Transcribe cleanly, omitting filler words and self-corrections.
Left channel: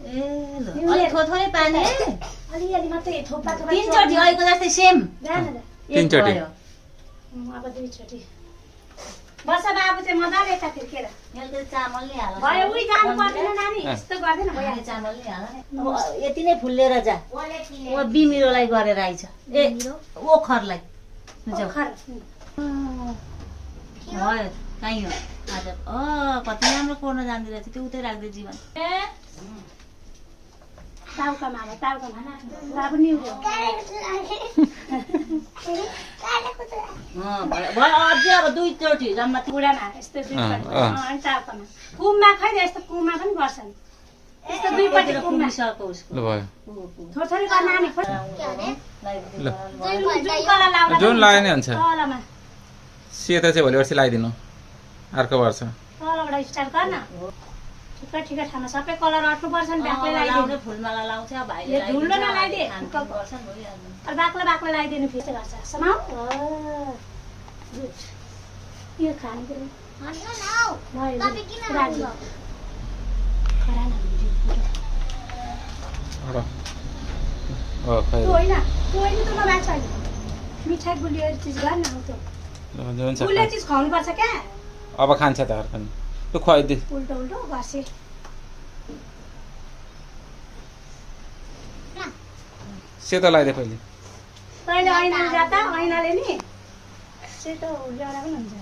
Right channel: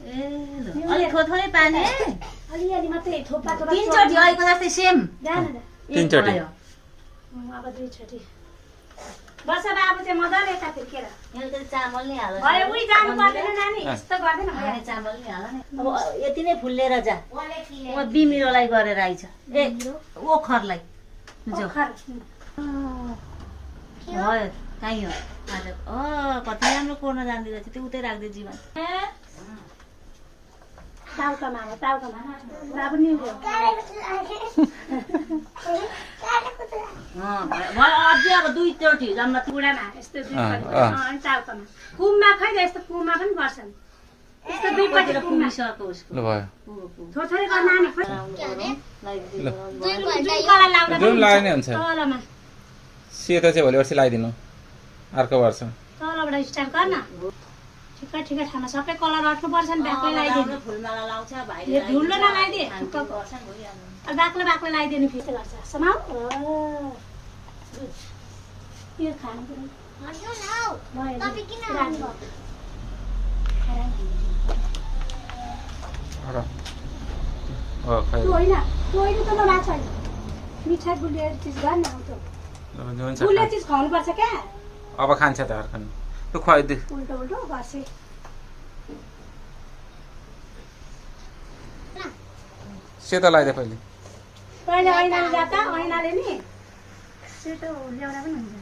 अलि थोरै पानी है अलिअलि मात्रै थोपा थोपा तीनचोटि अहिलेको जस्तै सेम तीनचोटि अब दुईचोटि बस बाबु चाहिँ मजाले यता फिर्केर चामल नि हाल भयो उही जानु पर्दैन नानी यस्तो गर्दैन भयो चामल नि हाल अब यति नै फुल्लेर जा ओ बिमिरोलाई गरेर आइछ ए ओखरलाई जाऊ भयो कहीँ हो आज कति राम्रो कोर्न जान्दै रहेछ त्यो उतै राख्दै जीवन ताउकामा बाबु नि अझै अब दुईचोटि जम्मा बुढामा यस्तो अनि ताउकामा कुममा खै यस्तो कुममा पनि गर्छन् यस्तो दुईपट्टि कुममा ल भयो थोरै गर्न नानी जुन लाग्यो नि हुन्छ तलमा सेतो चाहिँ भोलि पर्सि लगाइदिनु अर्को वर्ष तलबाट स्टार्ट गर्न ठिकै ठिकै ठाउँमा सबै कलर अट्नुपर्छ नि बाक्लै लगाइदिनु फुलमाला लाउँछ भाइले यो धुलो नलाइदिए गर्छन् भइहाल्छ बाक्लो बाक्लो लगाइदिनु फेरि गर्छ समाउ यो खानु होइन त नमाग्छ होइन मिठाई गुलियो चिज गर्न गुलियो चिज खुवाउनुपर्छ क्या अब खान्छ त अर्को लु खुवाइदिए उल्टो उल्टो गर्छ सेतो लगाइदिए पहिले तैँले ऐनाले जाता ऐनाले नि सेतो ल्याउँदा पनि हुन्छ